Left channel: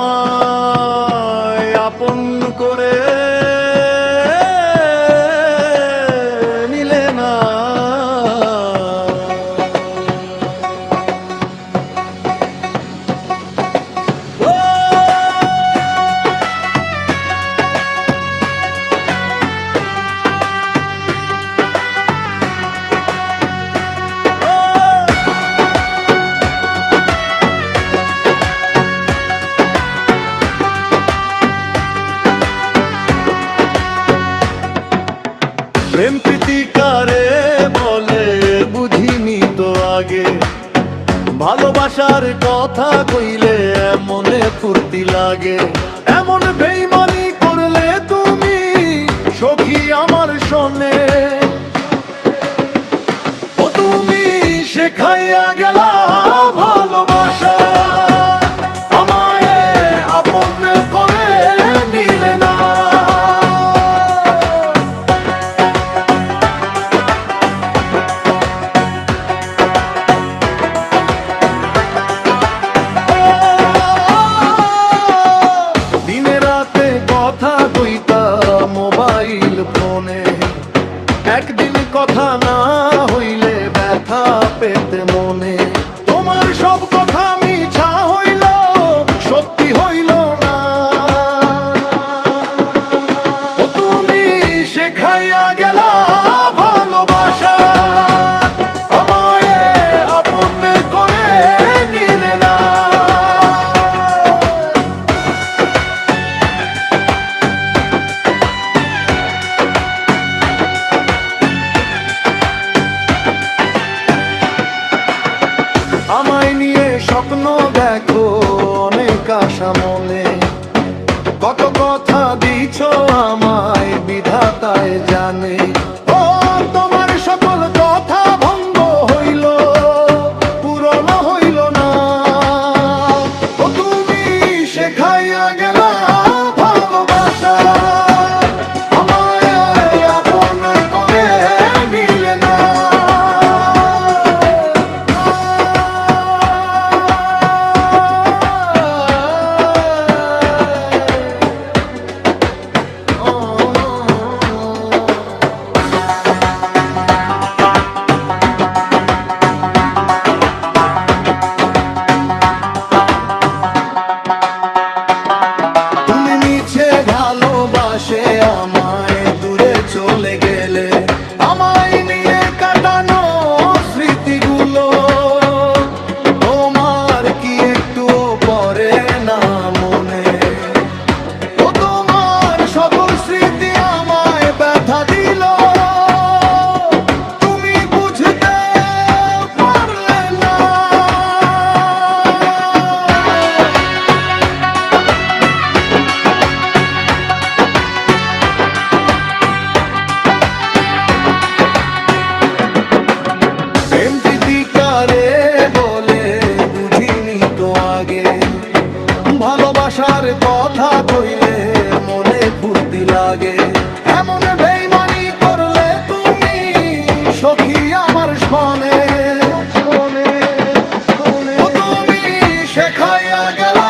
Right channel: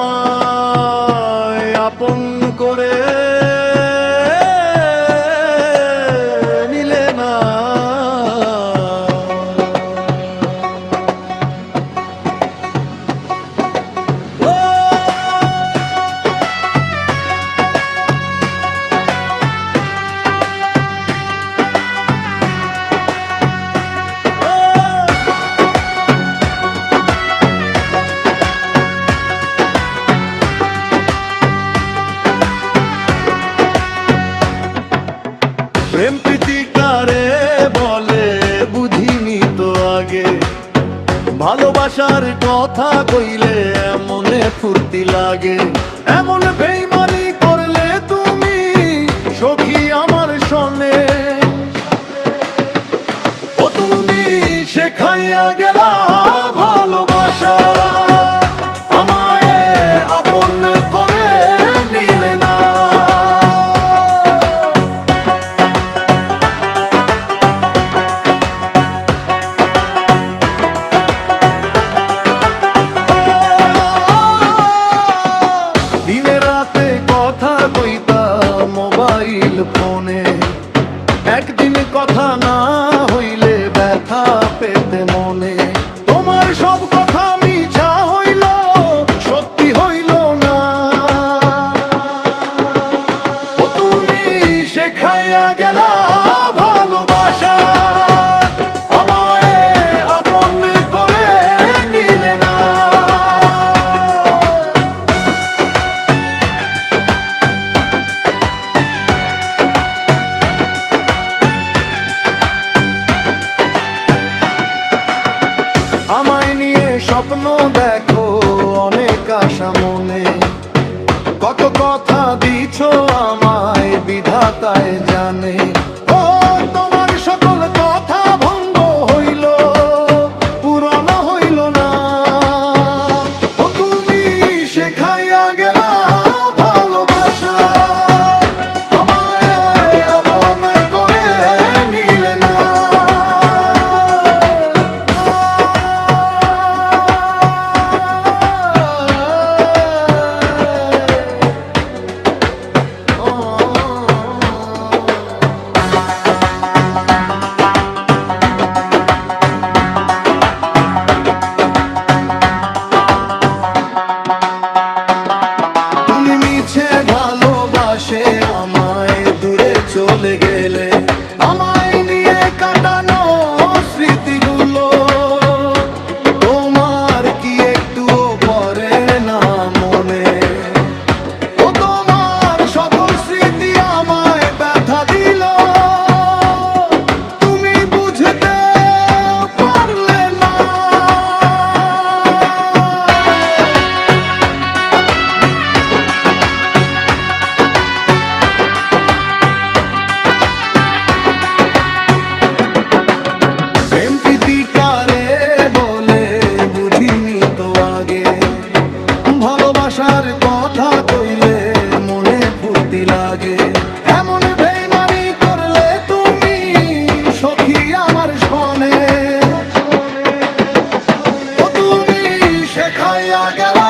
আমায় আপন করে নিলে না। প্রেম প্রীতি কারে বলে বুঝিনি তো আগে, ভালোবাসার কথা কইলে এমনে ফুর্তি লাগে। এমন বেইমানি করলে তুমি সখী আমার সনে, ও তুমি শেখাইয়া গেলা ভালোবাসা, আমায় আপন করে নিলে না। দিনে রাতে কথা কইতা মোবাইল ফোনে, একদিন কথা না হইলে ব্যথা পেতে মনে। তোমার সব কথা মিছা হইল, সত্যি হইল না। ও তুমি শেখাইয়া গেলা ভালোবাসা, আমায় আপন করে নিলে না। আমায় নিয়ে স্বপ্ন দেখো অনেক আশা মনে, কত কথা দিছ আমায় বিধাতায় জানে। ও তোমার সকল কথা ভঙ্গ হইল, পূরণ হইল না। ও তুমি শেখাইয়া গেলা ভালোবাসা, আমায় আপন করে নিলে না। ভালোবাসে আমায় দূরে চলে গেলে, আমায় নিয়ে কাটানো স্মৃতিগুলো তোমার কি একটুও পড়ে না মনে? ও তোমার সকল স্মৃতি আমায় ব্যথা দিল, তুমি বুঝতে পারলে না। প্রেম প্রীতি কারে বলে বুঝিনি তো আগে, ভালোবাসার কথা কইলে মনে ফুর্তি লাগে। এমন বেইমানি করলে তুমি সখী আমার সনে, ও তুমি শেখাইয়া গেলা